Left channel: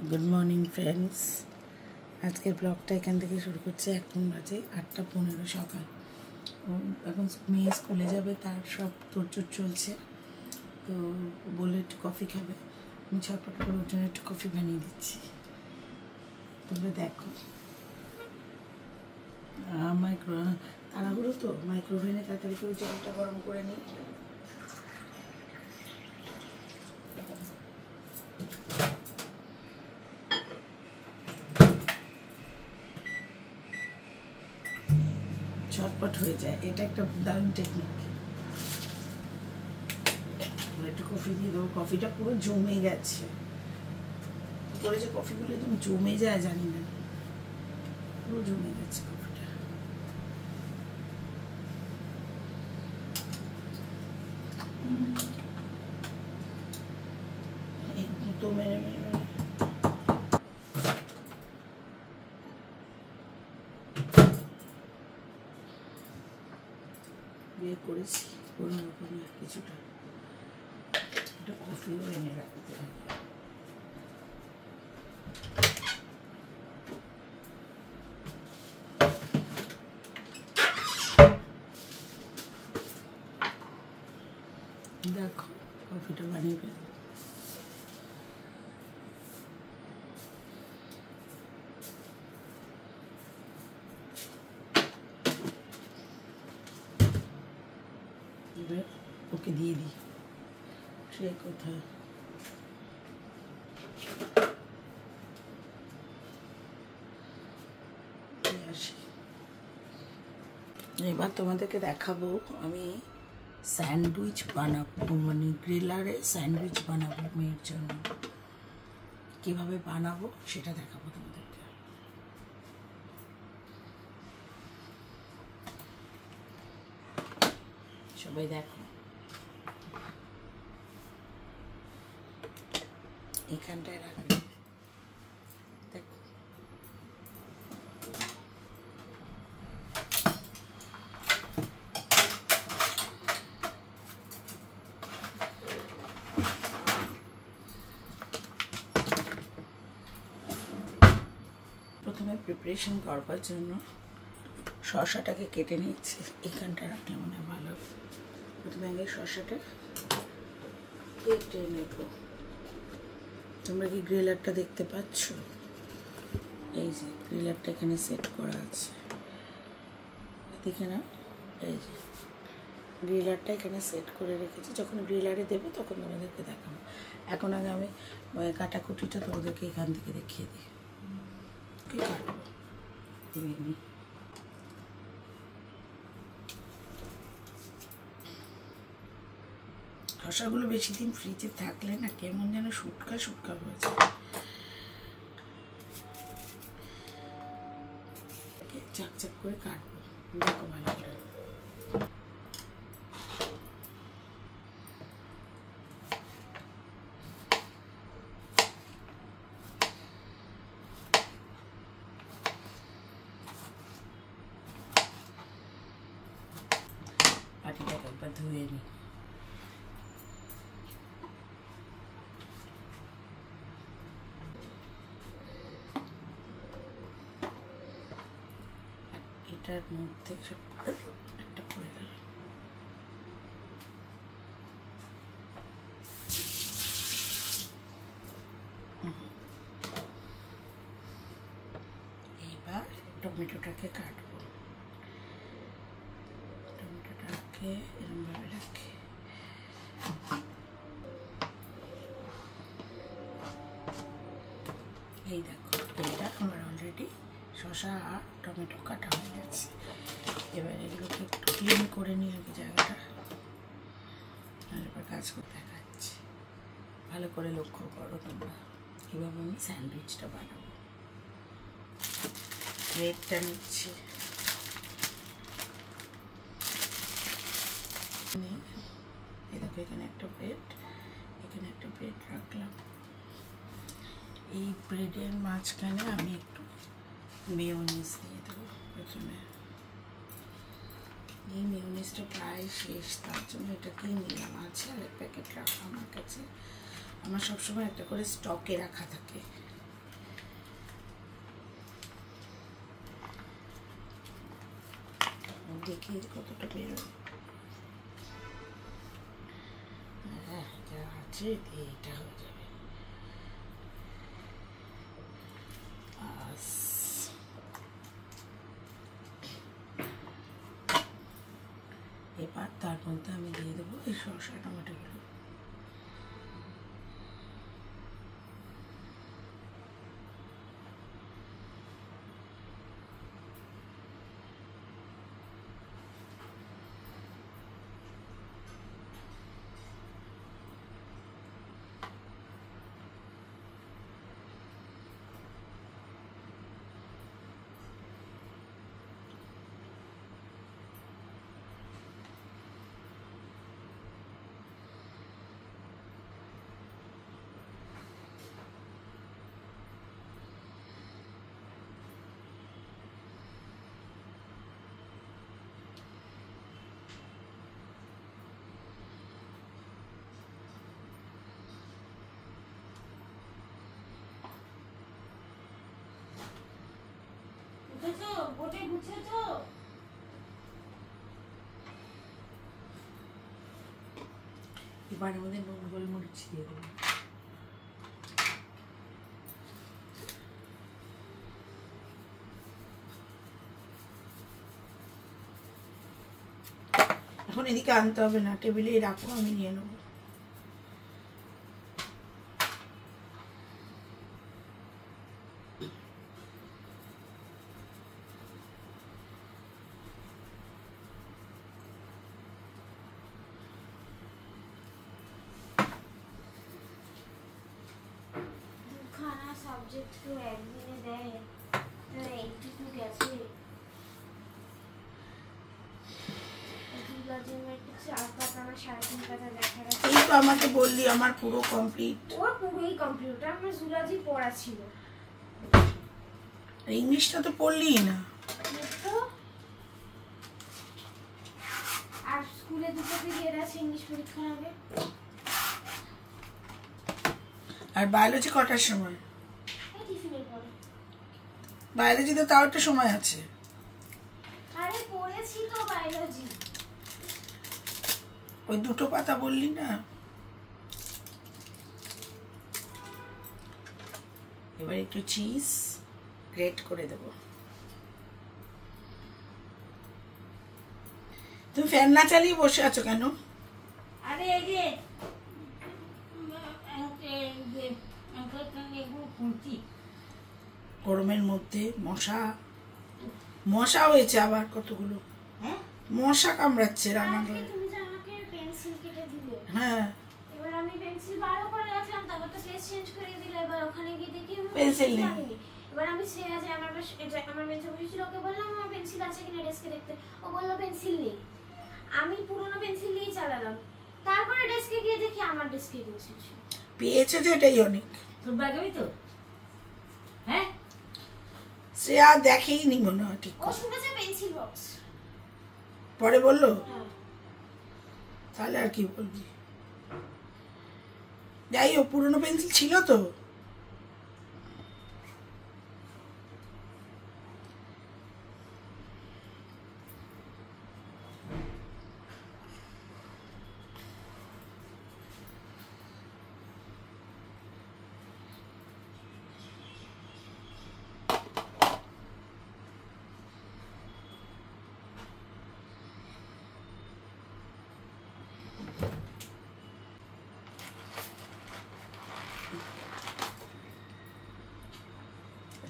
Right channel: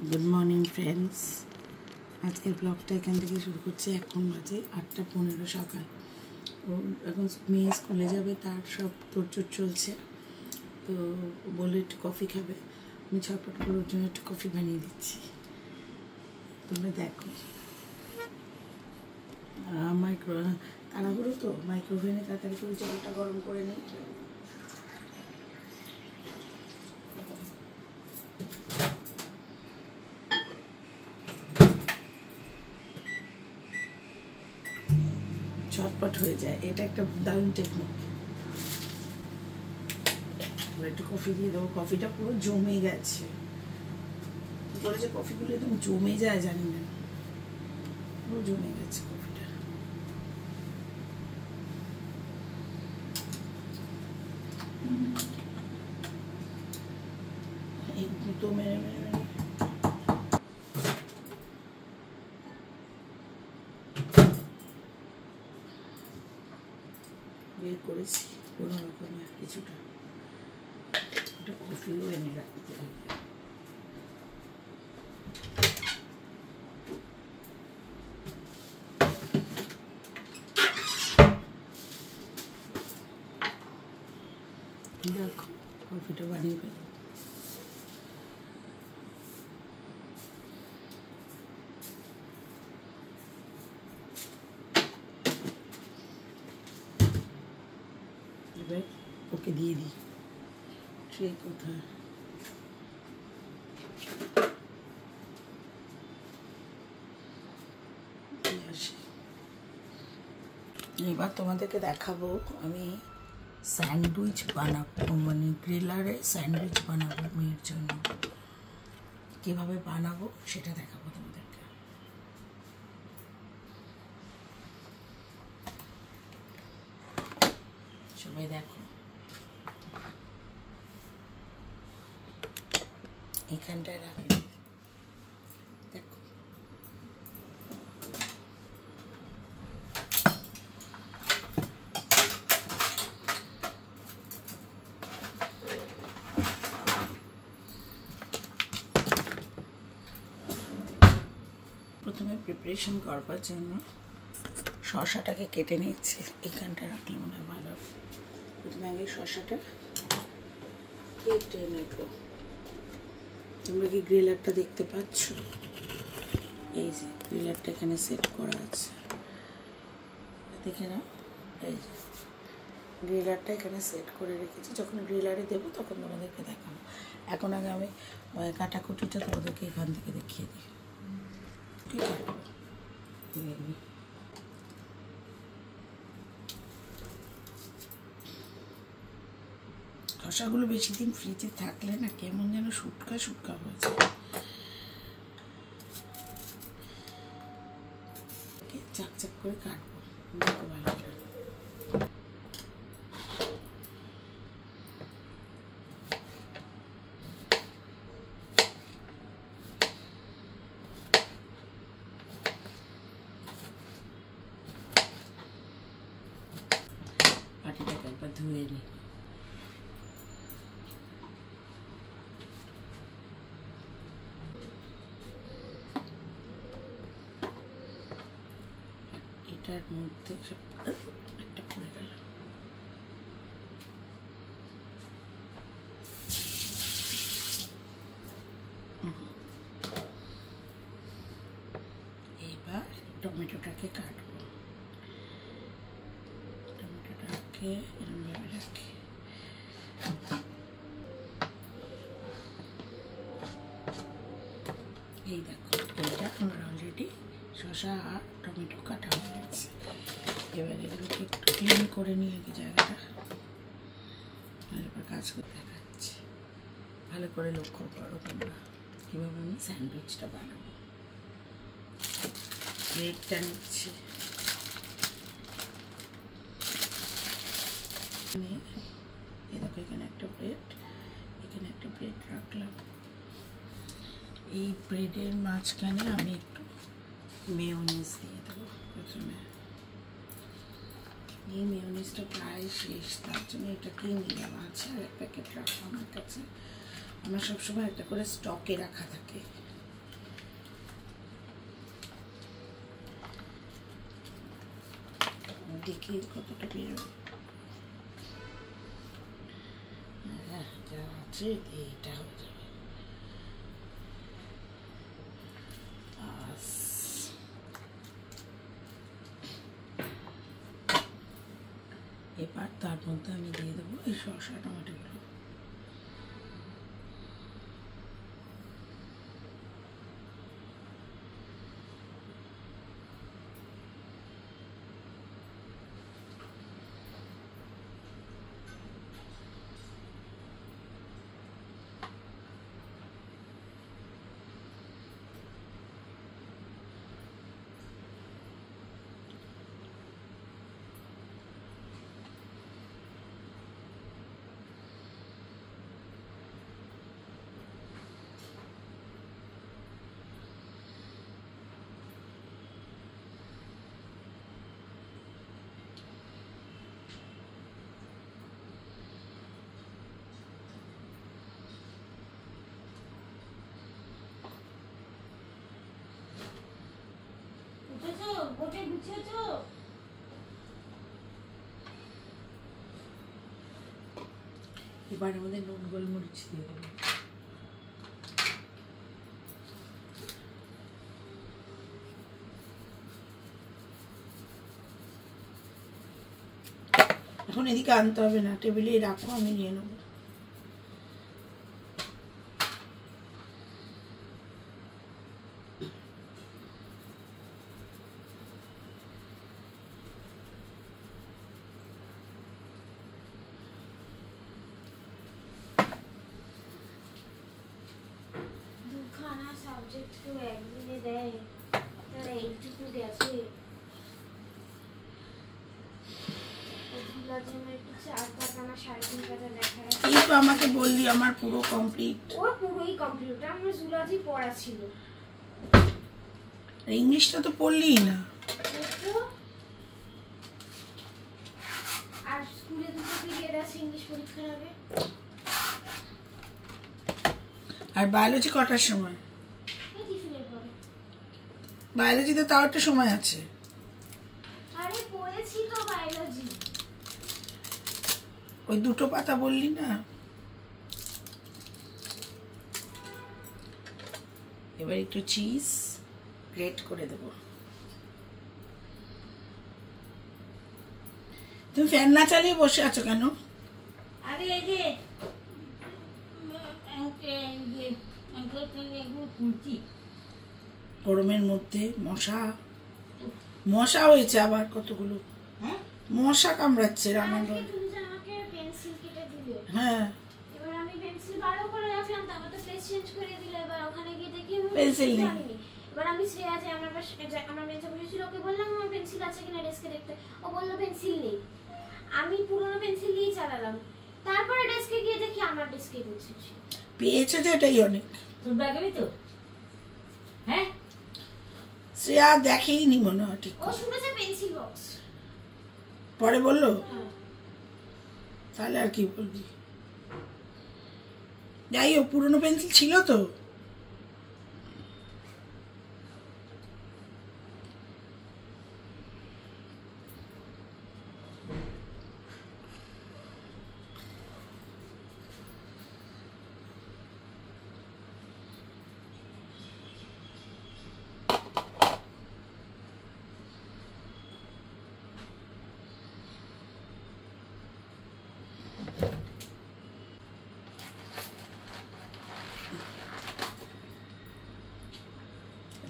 Good morning friends. आज के ब्लगटा एखान থেকে শুরু করছে। এখন বাজে 8:15 সকাল। এখন মেয়ে স্কুলে যাবে, তার সব তোড়জোড় চলছে। তো বলে একটু কফি খাবে, আমি ঝটপট করে ওর জন্য একটু কফি বানিয়ে দিচ্ছি। তোমরা দেখো, তাড়াহুড়ো তো মাইক্রোওভেনে তাড়াতাড়ি করে জলটা গরম করে নিই। झटपट हो जाए, এটা একটা দারুণ টেকনিক। একটু কফি দিয়ে দেবো, কফিটা পুরো জমে গেছে। কি করে যে কফিগুলো একদম জমে যায় জানি না, পুরো জমে গেছে কফিটা। এই তো মেরে মেরে বের করেছি কোনো রকমের কিছুটা। এটা কফিও এনে রাখতে হবে। দেখো কফিটা বানিয়ে ফেলি। এবার ওকে দিয়ে দিই। ট্রে কোথায়? এবার তোমাদেরকে দেখাবো আমি স্যান্ডউইচ বানাবো, মানে গ্রিলারে স্যান্ডউইচ বানাবো মেয়ের জন্য। কীভাবে বানাবো সেটা দেখাবো তোমাদেরকে। সবাই দেখো, এখানটায় রাখি। দেখো প্রথমে প্রিপারেশন করবার জন্য শসাটাকে কেটে নিচ্ছি। এখানটা রাখলে মনে হয় ভালো। প্রথমে আগে শসাটা কেটে নেব। তোমরা কি গ্রিলারটা দেখতে পাচ্ছ? এই যে গ্রিলারটা এখানে সেট করা আছে, দেখে না? এই যে গ্রিলারটা এখানে সেট করে রেখেছি। যখন গ্রিলারে দেবো তখন তোমাদেরকে দেখাবো। এখন আগে আমি কাটাকুটিটা তোমাদেরকে এখান থেকে দেখিয়ে দিই। কি কাটবো শসাগুলো বেশি দিন ফ্রিজে থাকলে না কেমন যেন শুটকা শুটকা হয়ে যায়। চাকচাক করে কাটবো, দেখো ভালো করে। পাটিটাকে একবার ধুয়ে নিই। এটার মধ্যে একটা পড়ে গেল। এবার টমেটোটাকে কাটবো। টমেটোটাকে এরকমভাবে রাখি। এই দেখো, এটা আমার অলরেডি শসা আর টমেটো কাটা হয়ে গেছে। এবার এগুলোকে একটু ক্লিন করে নিয়ে এই জায়গাটা, আর এবার কাজ করতে দেখাচ্ছি। ভালো করে লক্ষ্য করো তোমরা কীভাবে আমি স্যান্ডউইচটা বানাবো। ব্রেডটা নিচ্ছি, এই দেখো এখানে একটা ব্রেড, এখানে একটা ব্রেড রাখলাম। এই ব্রেডের মাঝখানে আমি একটু মেয়োনিজ দিয়ে দেবো প্রথমে। এই মেয়োনিজটা প্রায় শেষ, তার জন্য এটা কিনে নিলাম। আছে আর এক প্যাকেট রাখা আমার কাছে। আমার সবসময় একটা করে স্টকে রাখা থাকে। দেখি কতটা বেরোয়। যা আছে এটা হয়ে যাবে। এবার তার মধ্যে আমি দিয়ে দেবো এই শসা টমেটোগুলো। এবার আমাদের নুন গোলমরিচ দিয়ে দেবো। এখন এদিকে আনতে হবে না, টেবিলেই রাখো, আমি নিয়ে নেবো। এই তো আমাকে বললি আমার পুরো কমপ্লিট। ওর পুরোই কমপ্লিট, আমার জুলজি পড়া ছিল। ইংলিশটা তো পড়লি না। আর স্কুলে দুটো পিরিয়ড আছে ইংলিশ পরীক্ষার আগে। আর বায়োলজি কটার সময়? টিফিনের পরে। বায়োলজিতে তাও একটা সময় আছে। আরে পড়েছি তো বায়োলজি। ওই দুটো পাতা বললি না। এবার একটু চিজ গ্রেট করে দেব। তুমি ফ্যান না চালিয়ে বসে আছো কেন? আরে এই যে গরমের মধ্যে মশা হয়েছে আবার কতগুলো। মশা কামড়াচ্ছে রান্নাঘরে। হ্যাঁ, এবার আমি পেন্সিল বারো করে রাখলাম, তারপর তো পেজ চেঞ্জ করে দিলে। এবার ওখানে গিয়ে দেখি পেন্সিল নেই। এবার আমি শ্রেয়া যে আমার বেঞ্চে বসেছিল, ওকে বললাম আমার পেন্সিল আছে কিনা ডেস্কে দেখতে। ও বললো পেন্সিল নেই। আমি পুরোনো পেন্সিল দিয়েই চালালাম। তারপরে ডেস্কে গিয়ে দেখি আমার ডেস্কে পেন্সিল ছিল। পেয়েছে যে এটাই অনেক। তোর ব্যাগেই তো? হ্যাঁ, শ্রেয়া দেখেইনি মনে হয় ঠিক। ও শুনেছে পেন্সিল বক্স, পরে বললো। তাহলে আর কি বলবি? যাই হোক, পুরোনো পেন্সিল ছিল তো।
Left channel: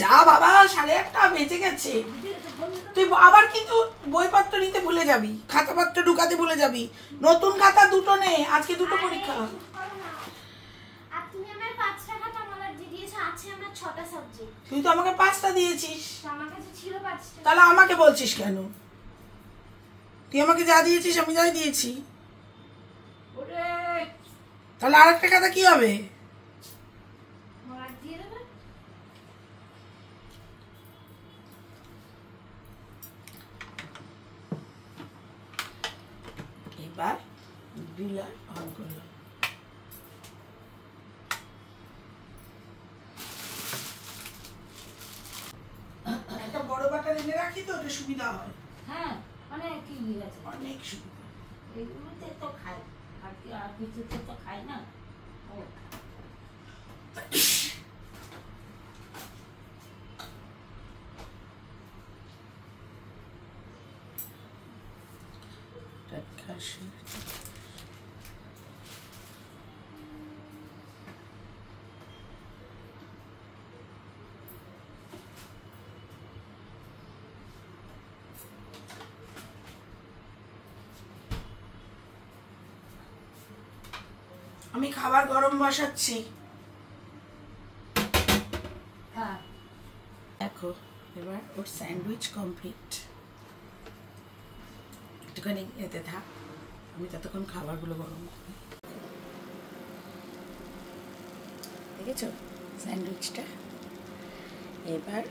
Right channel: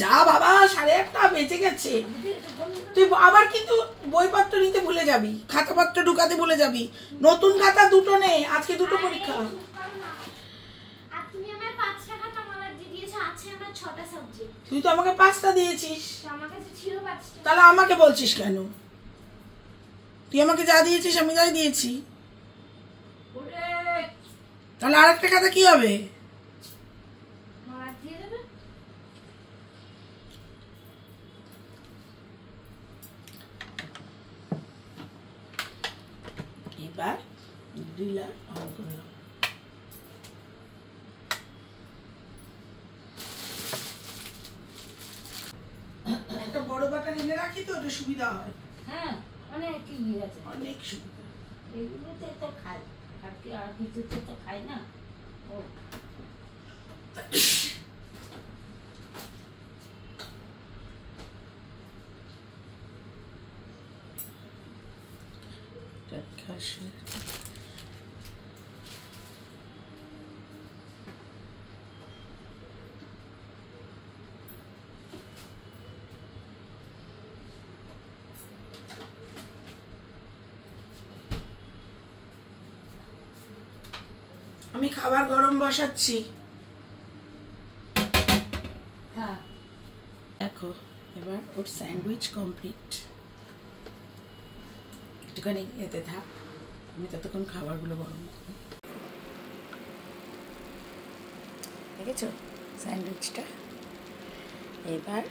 যা বাবা, 8:30 বেজে গেছে। তুই আবার কিন্তু বইপত্র নিতে ভুলে যাবি, খাতাপত্র ঢুকাতে ভুলে যাবি। নতুন খাতা দুটো নে, আজকে দুটো পরীক্ষা। তুই তো আমাকে 5টা দিয়েছিস। তাহলে আমাকে বলছিস কেন? তুই আমাকে যা দিয়েছিস আমি যাই দিয়েছি। তাহলে আরেকটা খাতা কি হবে? এবার গ্রিলার অন করলাম। একটা বড় বাটার এনে রাখি তো, এটা সুবিধা হয়। হ্যাঁ, অনেক ইয়ে আছে, অনেক সুবিধা। এগুলোতে তো খায়, আর কি আর কিছুতে তো খায় না। ও আমি খাবার গরম বসাচ্ছি। হ্যাঁ, দেখো এবার ওর স্যান্ডউইচ কমপ্লিট। একটুখানি এতে থাক, আমি ততক্ষণ খাবারগুলো গরম করি। দেখেছো স্যান্ডউইচটা? এবার